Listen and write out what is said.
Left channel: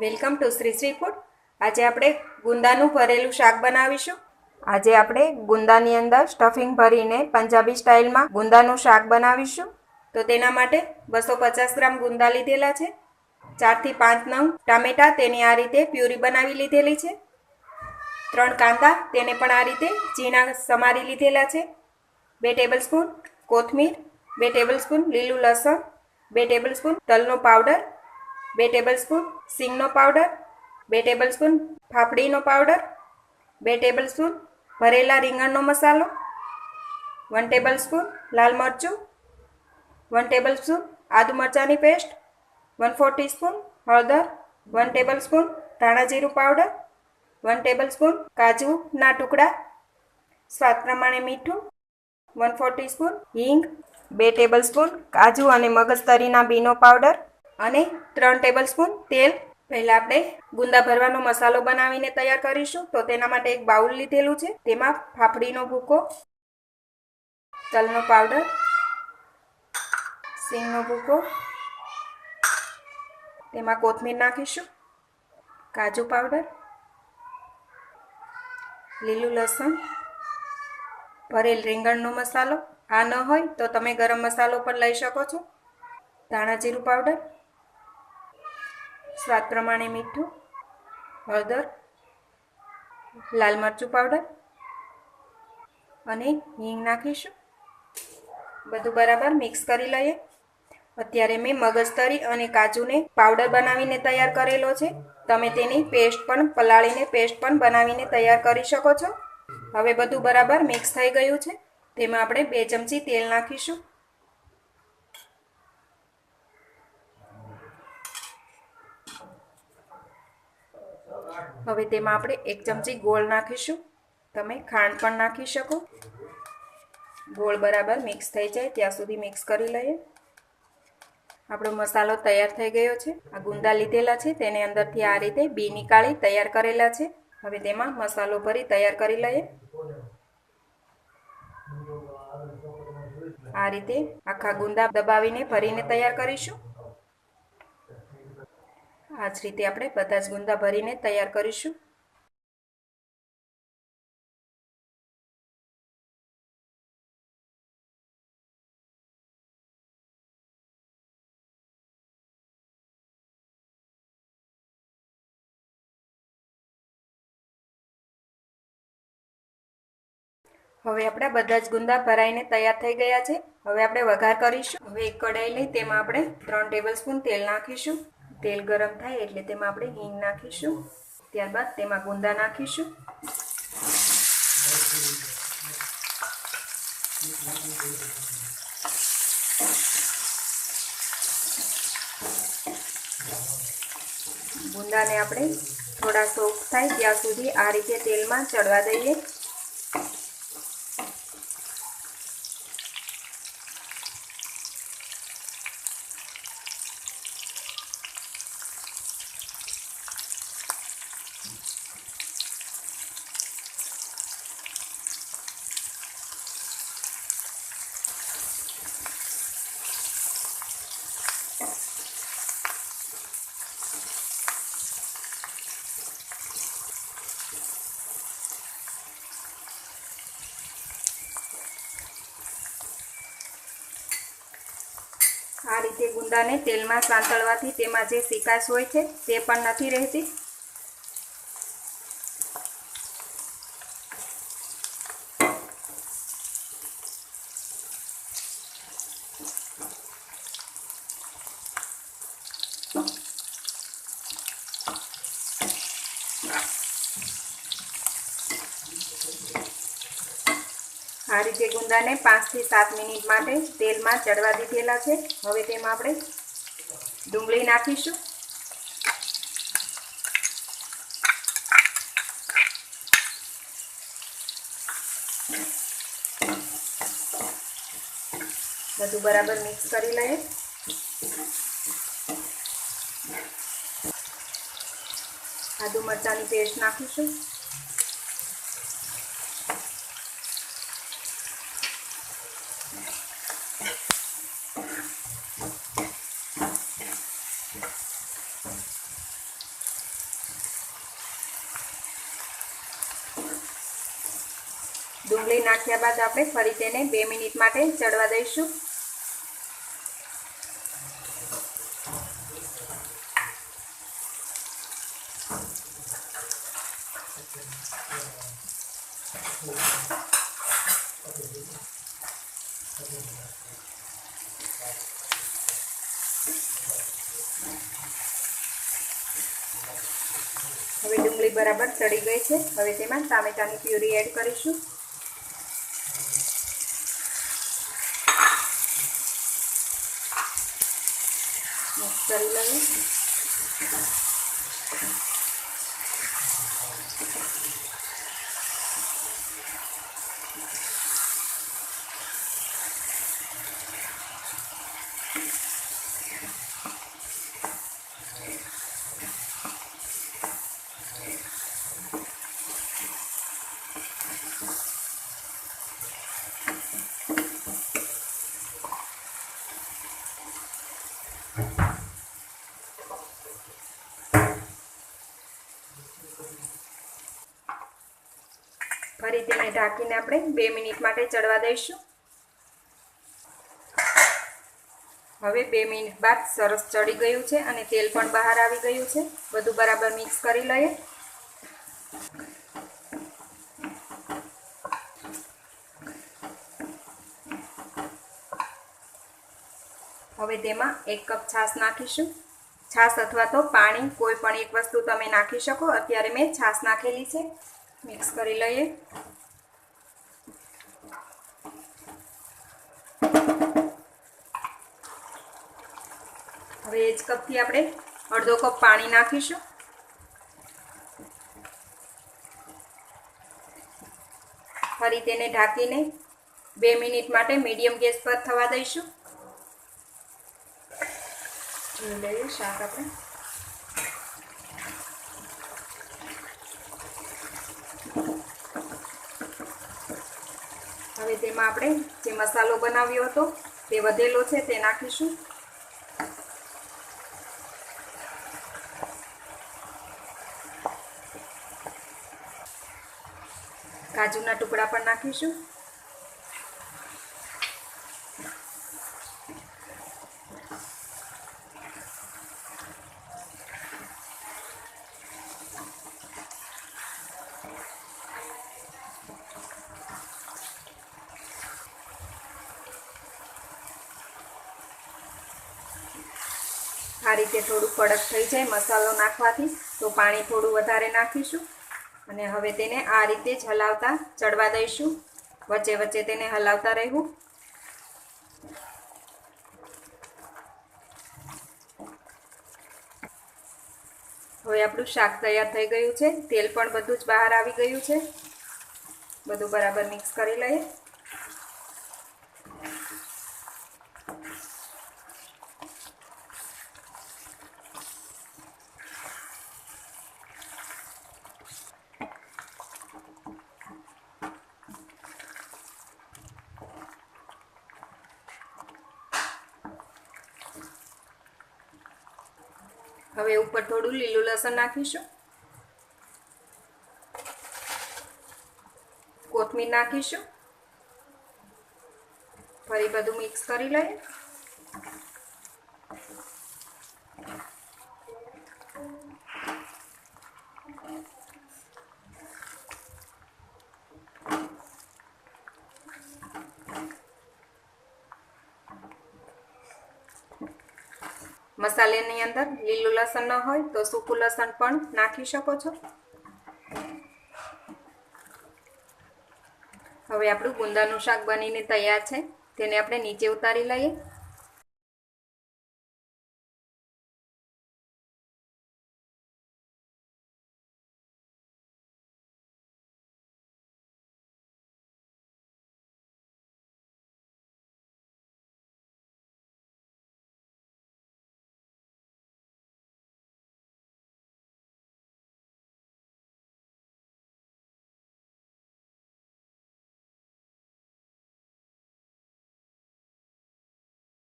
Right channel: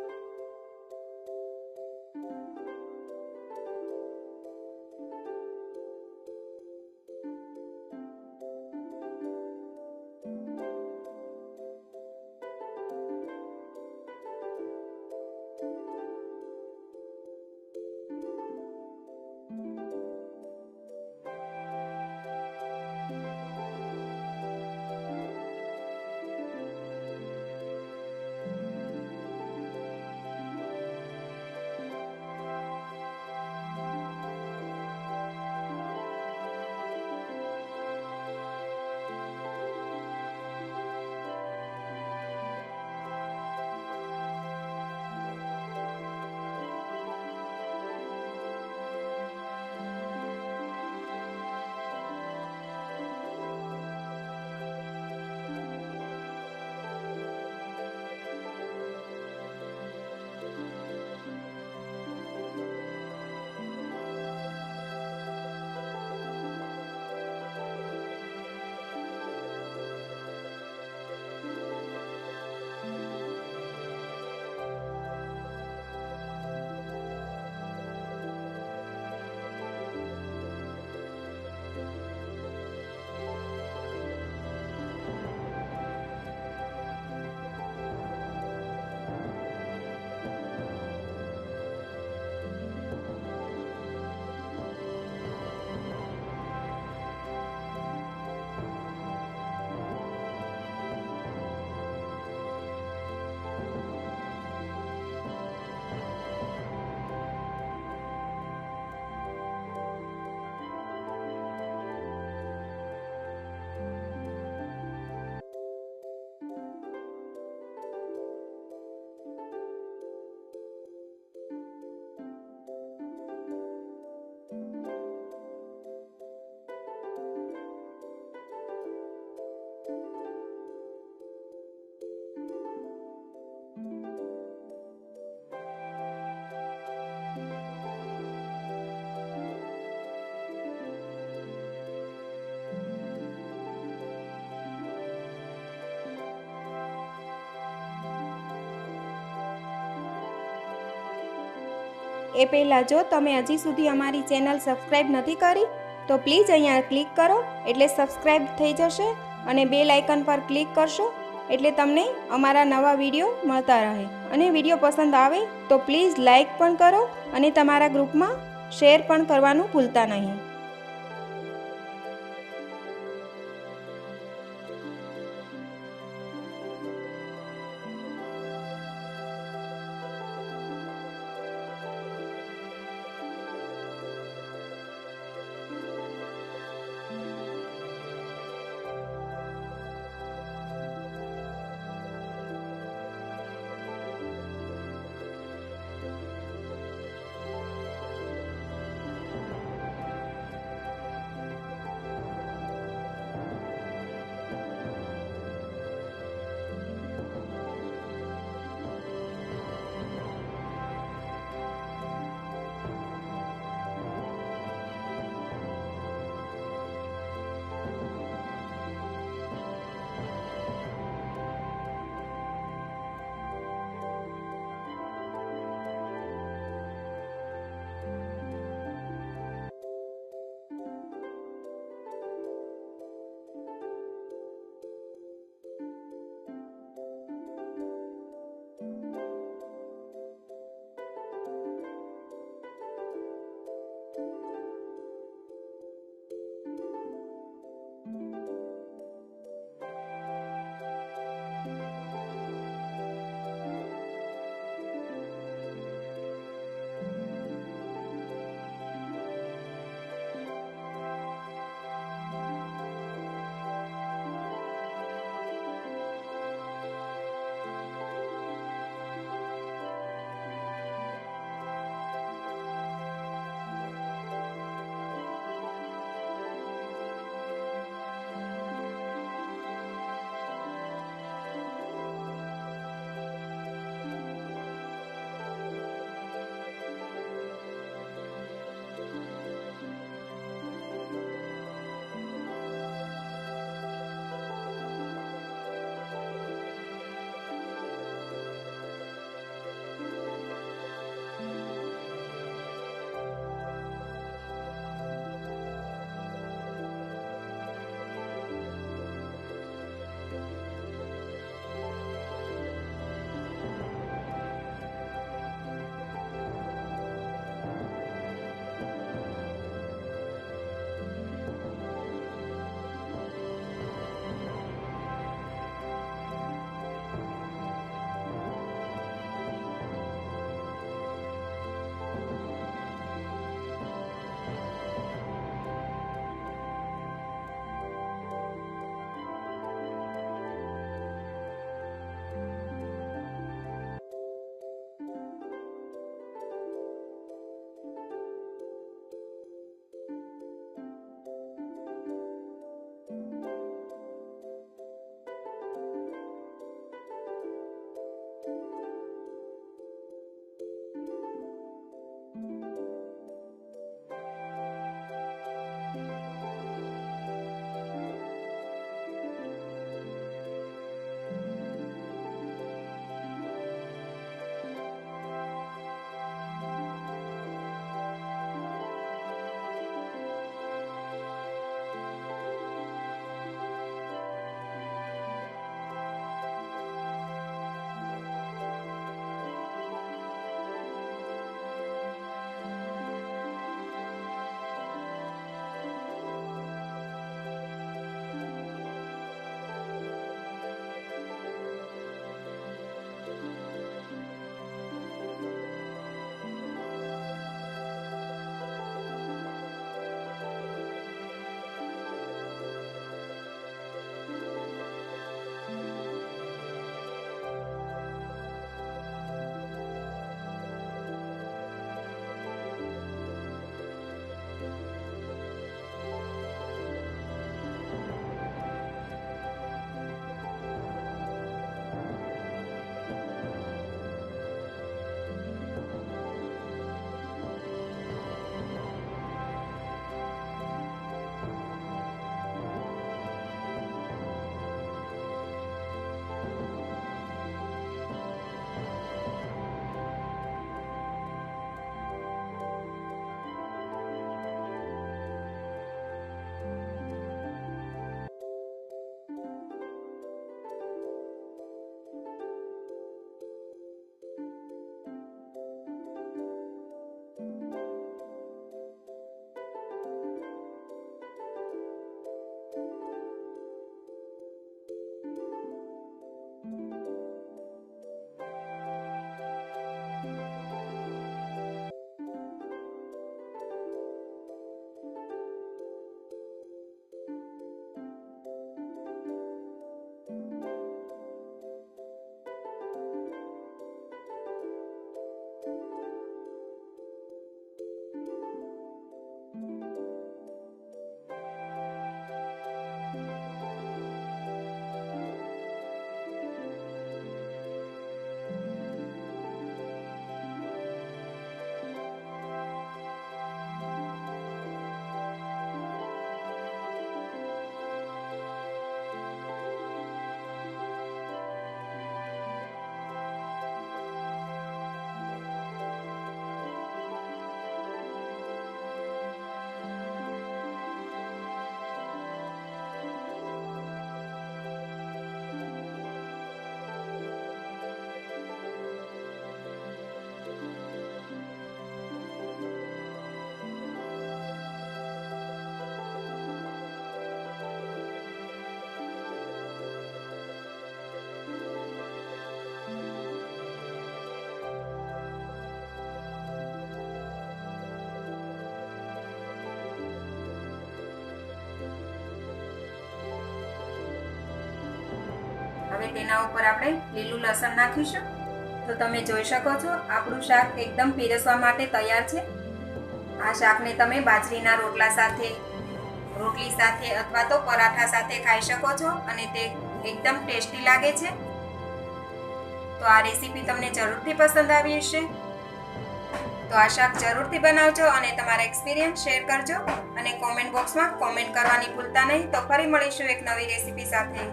Welcome to Shri Shri food. આજે આપણે ગુંદાનું ભરેલું શાક બનાવીશું. આજે આપણે ગુંદાની અંદર સ્ટફિંગ ભરીને પંજાબી સ્ટાઇલમાં ગુંદાનું શાક બનાવીશું. તો તેના માટે બસો પચાસ ગ્રામ ગુંદા લીધેલા છે. ચારથી પાંચ નંગ ટામેટા તેની આ રીતે પ્યુરી બનાવી લીધેલી છે. ત્રણ કાંદા તેને પણ આ રીતે ઝીણા સમારી લીધેલા છે. બે ટેબલ સ્પૂન કોથમીર, બે ટેબલ સ્પૂન લીલું લસણ, બે ટેબલ સ્પૂન તલનો પાવડર બે ટેબલ સ્પૂન સિંગનો પાવડર બે ટેબલ સ્પૂન ફાફડીનો પાવડર બે ટેબલ સ્પૂન ભરેલા રીંગણનો મસાલો વન ટેબલ સ્પૂન લાલ મરચું વન ટેબલ સ્પૂન આદુ મરચાંની પેસ્ટ વન ફોર ટીસ્પૂન હળદર વન ટેબલ સ્પૂન ધાણા જીરું પાવડર વન ટેબલ સ્પૂન કાજુના ટુકડા, સ્વાદ પ્રમાણે મીઠું વન ફોર ટીસ્પૂન હિંગ, બે ટેબલ સ્પૂન કાજુ અને મગજતરીના બીનો પાવડર અને ત્રણ ટેબલ સ્પૂન તેલ. પહેલાં આપણે ગુંદા ભરવાનો મસાલો બનાવીને તૈયાર કરીશું. તો તેના માટે એક બાઉલ લીધેલું છે. તેમાં ફાફડીનો ભૂકો, તલનો પાવડર, સિંગનો ભૂકો, તેમાં કોથમીર નાખીશું, કાજુ પાવડર, લીલું લસણ, ભરેલ રીંગણનો મસાલો. આ ન હોય તો તમે ગરમ મસાલો પણ લઈ શકો છો. ધાણા જીરું પાવડર સ્વાદ પ્રમાણે મીઠું, હળદર, લાલ મરચું પાવડર અને હિંગ નાખીશું. બધું બરાબર મિક્સ કરી લઈએ. અત્યારે મેં મગજતરી અને કાજુને પાવડર બનાવીને તૈયાર કરેલો છે. તમે તેની પેસ્ટ પણ, પલાળીને પેસ્ટ પણ બનાવીને તૈયાર કરી શકો છો. હવે બધું બરાબર મિક્સ થઈ ગયું છે. તેમાં આપણે બે ચમચી તેલ નાખીશું. હવે તેમાં આપણે એક ચમચી ગોળ નાખીશું. તમે ખાંડ પણ નાખી શકો. ગોળ બરાબર મિક્સ થઈ જાય, ત્યાં સુધી મિક્સ કરી લઈએ. આપણો મસાલો તૈયાર થઈ ગયો છે. આ ગુંદા લીધેલા છે, તેને અંદરથી આ રીતે બી નીકાળી તૈયાર કરેલા છે. હવે તેમાં મસાલો ભરી તૈયાર કરી લઈએ. આ રીતે આખા ગુંદા દબાવીને ભરીને તૈયાર કરીશું. રીતે આપણે બધા જ ગુંદા ભરીને તૈયાર કરીશું. એ પહેલાં જો તમે હજી સુધી અમારી ચેનલ સબસ્ક્રાઈબ નથી કરી, તો પ્લીઝ અહીંયા ક્લિક કરો, એટલે સબસ્ક્રાઈબ થઈ જશે અને બેલ આઇકન પર ક્લિક કરશો, એટલે તમને અમારા નવા વીડિયો મળતા રહે. અને વીડિયો પસંદ આવે, તો પ્લીઝ લાઇક પણ કરો અને તમારા ગ્રુપમાં શેર પણ કરવાનું ભૂલતા નહીં. હવે આપણા બધા જ ગુંદા ભરાઈને તૈયાર થઈ ગયા છે. હવે આપણે વઘાર કરીશું. હવે એક કડાઈ લઈ તેમાં આપણે ત્રણ ટેબલ સ્પૂન તેલ નાખીશું. તેલ ગરમ થાય એટલે તેમાં આપણે હિંગ નાખીશું. ત્યારબાદ તેમાં ગુંદા નાખીશું. ગુંદાને આપણે થોડા સોફ્ટ થાય ત્યાં સુધી આ રીતે તેલમાં ચડવા દઈએ. રીતે ગુંદાને તેલમાં સાંતળવાથી તેમાં જે સિકાશ હોય છે તે પણ નથી રહેતી. આ ગુંદાને પાંચથી સાત મિનિટ માટે તેલમાં ચડવા દીધેલા છે. હવે તેમાં આપણે ડુંગળી નાખીશું. બધું બરાબર મિક્સ કરી લઈએ. આદુ મરચાંની પેસ્ટ નાખીશું. આંબલી નાખ્યા બાદ આપણે ફરી તેને બે મિનિટ માટે ચડવા દઈશું. બરાબર ચડી ગઈ છે. હવે તેમાં ટામેટાની પ્યુરી એડ કરીશું. મિક્સ તેને ઢાંકીને આપણે બે મિનિટ માટે ચડવા દઈશું. હવે બે મિનિટ બાદ સરસ ચડી ગયું છે અને તેલ પણ બહાર આવી ગયું છે. બધું બરાબર મિક્સ કરી લઈએ. હવે તેમાં એક કપ છાશ નાખીશું. છાશ અથવા તો પાણી, કોઈ પણ એક વસ્તુ તમે નાખી શકો. અત્યારે મેં છાશ નાખેલી છે. મિક્સ કરી લઈએ. હવે એ જ કપથી આપણે અડધો કપ પાણી નાખીશું. ફરી તેને ઢાંકીને બે મિનિટ માટે મીડિયમ ગેસ પર થવા દઈશું. આપણે જે મસાલો બનાવ્યો હતો તે વધેલો છે તે નાખીશું. કાજુના ટુકડા પણ નાખીશું. રીતે થોડું કડક થઈ જાય મસાલો નાખવાથી, તો પાણી થોડું વધારે નાખીશું. અને હવે તેને આ રીતે જ હલાવતા ચડવા દઈશું. વચ્ચે વચ્ચે તેને હલાવતા રહેવું. હવે આપણું શાક તૈયાર થઈ ગયું છે. તેલ પણ બધું જ બહાર આવી ગયું છે. બધું બરાબર મિક્સ કરી લઈએ. હવે ઉપર થોડું લીલું લસણ નાખીશું. કોથમીર નાખીશું. ફરી બધું મિક્સ કરી લઈએ. મસાલાની અંદર લીલું લસણ ન હોય તો સૂકું લસણ પણ નાખી શકો છો. હવે આપણું ગુંદાનું શાક બનીને તૈયાર છે. તેને આપણે નીચે ઉતારી લઈએ. હવે તેના ઉપર આપણે લીલું લસણ નાખીશું. તો તમે જોઈ શકો છો, આપણું શાક એકદમ પીરસવા માટે તૈયાર છે. આ શાકને તમે બાજરીના રોટલા સાથે, રોટલી સાથે અથવા તો પરાઠા સાથે ખાઈ શકો છો અને તે એકદમ ટેસ્ટી લાગે છે. તો આ રેસીપી તમને જરૂરથી પસંદ આવી હશે. તો આ શાક જરૂરથી બનાવજો અને તમારા એક્સપિરિયન્સ શેર કરજો અને કોમેન્ટ બોક્સમાં કોમેન્ટ કરવાની ભૂલતા નહીં. તો ફરી મળીશું એક નવી રેસીપી સાથે.